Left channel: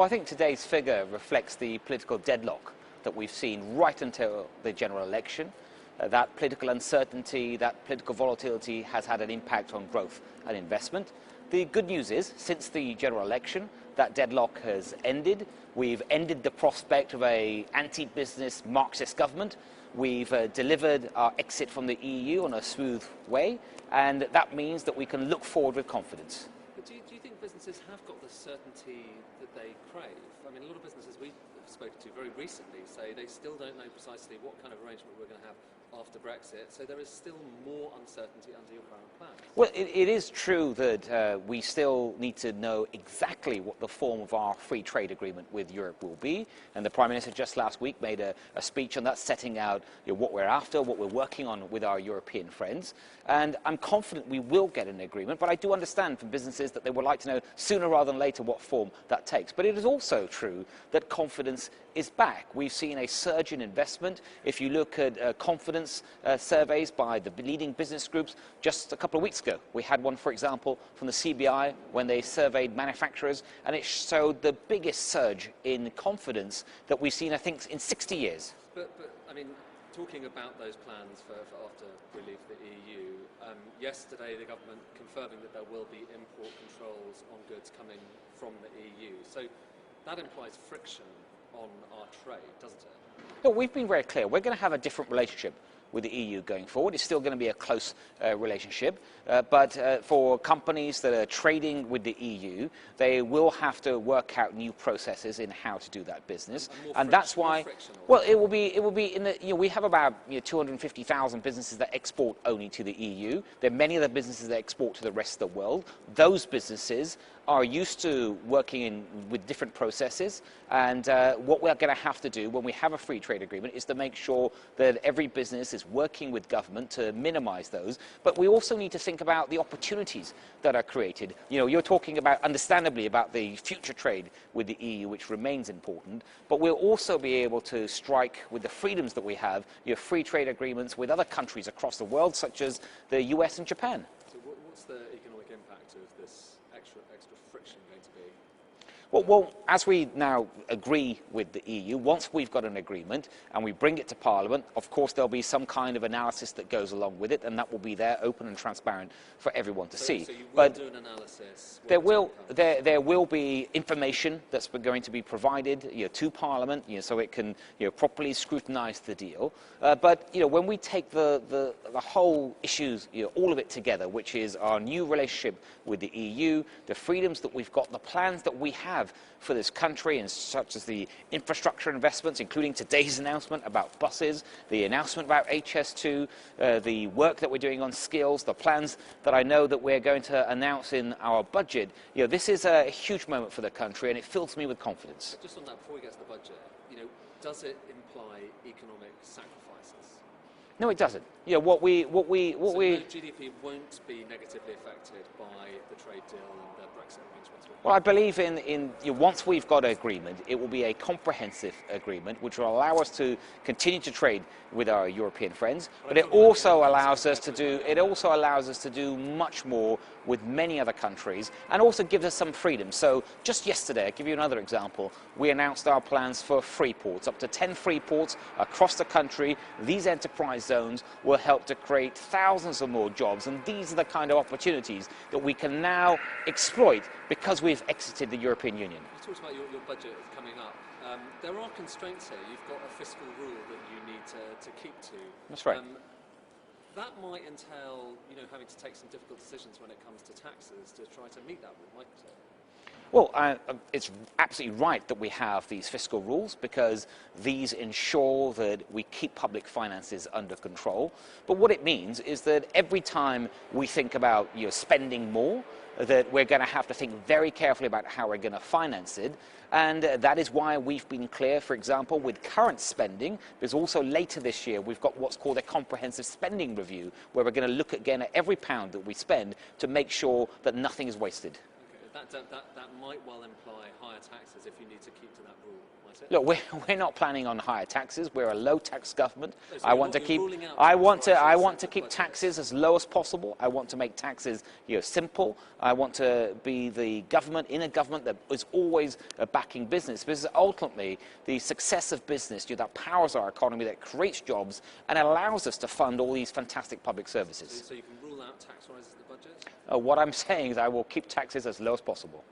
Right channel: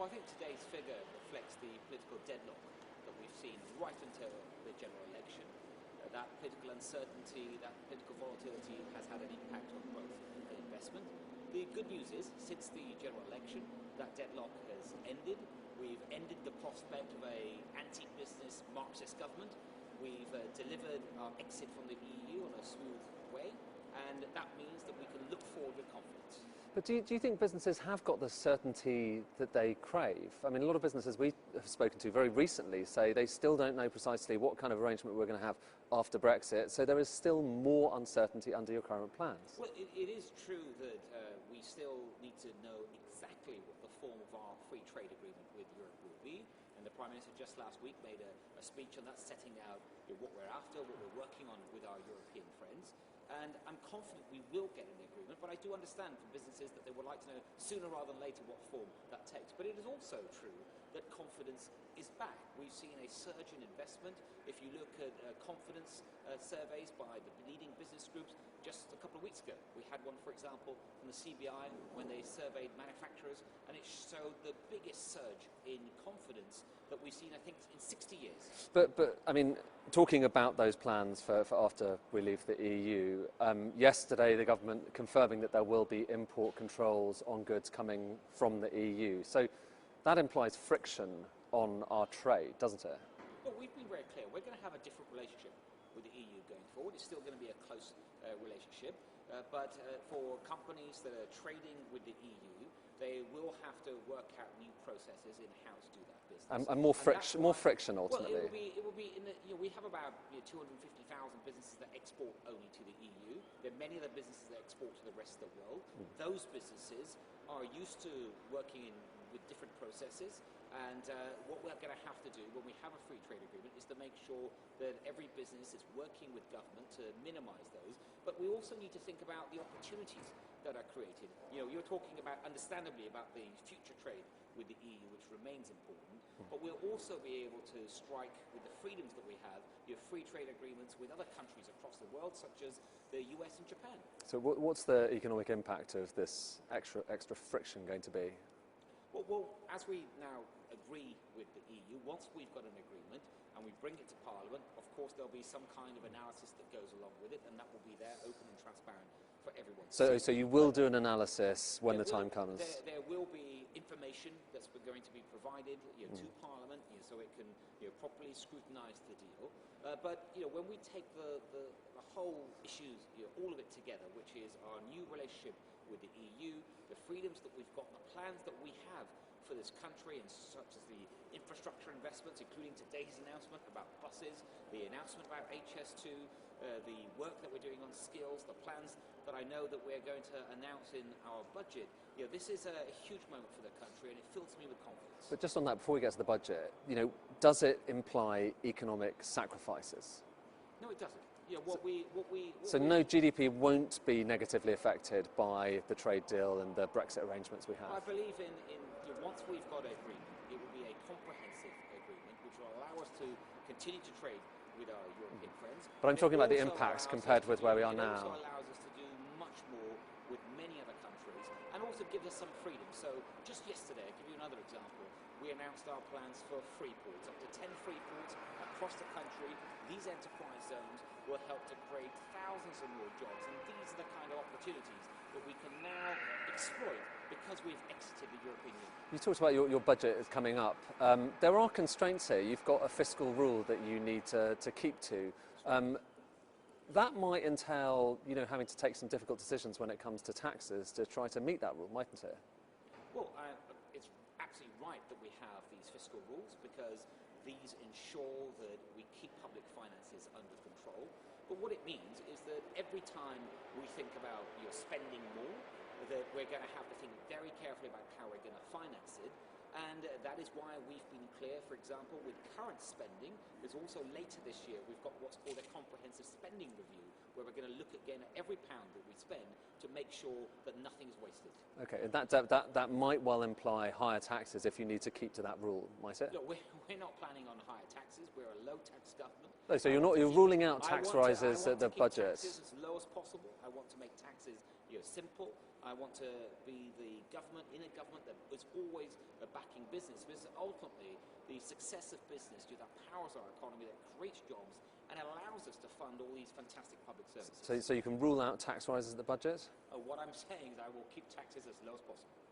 Well, I think today's figure reflects the political deadlock that we've seen right until the general election. That political uncertainty, that political volatility has had an impact on growth and investment. The good news is, since the general election, that deadlock has ended. We've ended the prospect of an anti-business Marxist government. We've delivered our exit from the EU on a smooth way, and that means that we can look forward with confidence. But do you think businesses have got the certainty that they crave? I mean, a lot of businesses we have spoken to very recently say they still don't know precisely what kind of arrangement we're going to have after Brexit, so there is still more uncertainty under your current plans. Well, it is true that we still need to know exactly what the form of our free trade agreement with Europe will be, and the Prime Minister just last week made a speech on that, setting out what we're after, what we're working on with our European friends, and I'm confident we will get an agreement, but I do understand from businesses that they would like to know sooner rather than later what form that takes. But it is also true that confidence is back. We've seen a surge in investment. If you look at confidence surveys by the leading business groups, just a couple of weeks ago, we had one, for example, from the CBI when they surveyed manufacturers, and it showed the biggest surge in confidence that we've seen, I think, in 60 years. But I mean, talking about those plans for after we leave the EU, yesterday the government confirming that there will be import controls on goods coming from the EU. So that implies friction on our trade, doesn't it? No, we've been very clear. We're going to have a different relationship with the EU going forward. It's still going to be a close relationship, but for companies that are trading with the EU, they will have to work out new processes in how to do that business, and that's why. More friction, well, it will be in the. We have about 250,000 businesses that export only to the EU. There are many other businesses that export to the rest of the world. Those businesses are used to working with different processes, and what we're going to have to do when we have a free trade agreement is to make sure that every business is working with government to minimise those, but we also need to think about the opportunities that are created. You're talking about, understandably, about the future trade with the EU, which remains important, but we'll also be able to strike, with the freedoms that we have, free trade agreements with other countries across the world, such as the US and Japan. So what's the economic impact of this extra friction going to be? Well, as we now agree with the EU, once we've got an agreement and we bring it to Parliament, of course there'll be some kind of analysis that goes along with it, and that will be there, open and transparent for everyone to see. So you will do an analysis when the time comes? There will be information that's going to be provided to Parliament, so it can properly scrutinise the deal. But when we take the whole issues, all of it together, which is our new relationship with the EU, the freedoms that we've got, the plans that we have for this country, and such as the infrastructure investments, including today's announcement about buses, the announcement about HS2, the work that we're doing on skills, the plans that I know that we're going to announce in our budget. This is a huge moment for the country, and it fills me with confidence. But just on that, before we get to the budget, does it imply economic sacrifices? No, it doesn't. So no GDP won't be negatively affected by the trade deal and the Brexit arrangements we have? Well, I believe once we've got an agreement, it will be a comprehensive agreement which will allow us to continue to trade with our European friends, but it also allows us to do much more with many other countries, and also gives us some freedom. So just yesterday, I'll give you another example, we announced our plans for free ports, up to 10 free ports across the country. These enterprise zones will help to create thousands of more jobs, and these are the kind of opportunities that we can now exploit because we've exited the European Union. You talked about your budget is coming up. There are constraints here. You've got a fiscal rule that you need to keep to. That's right. That might entail, having to take some difficult decisions when it comes to taxes to try to meet that rule, mightn't it? Well, it's absolutely right that we have these fiscal rules, because these ensure that we keep public finances under control. But what it means is that every time we think about spending more, that we're going to have to think very carefully about how we're going to finance it. And that is why we've been clear, for example, with current spending, because also later this year we've got what's called a comprehensive spending review, where we're going to look again at every pound that we spend to make sure that nothing is wasted. Okay, that might well imply higher taxes if you need to keep to that rule, might it? Look, we're not planning on higher taxes. We're a low-tax government. Oh, so I want to keep taxes as low as possible. I want to make taxes simple. I want to be the government, in a government that is always backing business, because ultimately the success of business that powers our economy, that creates jobs and allows us to fund all these fantastic public services. So you can rule out tax rises in the budget? What I'm saying is I will keep taxes as low as possible.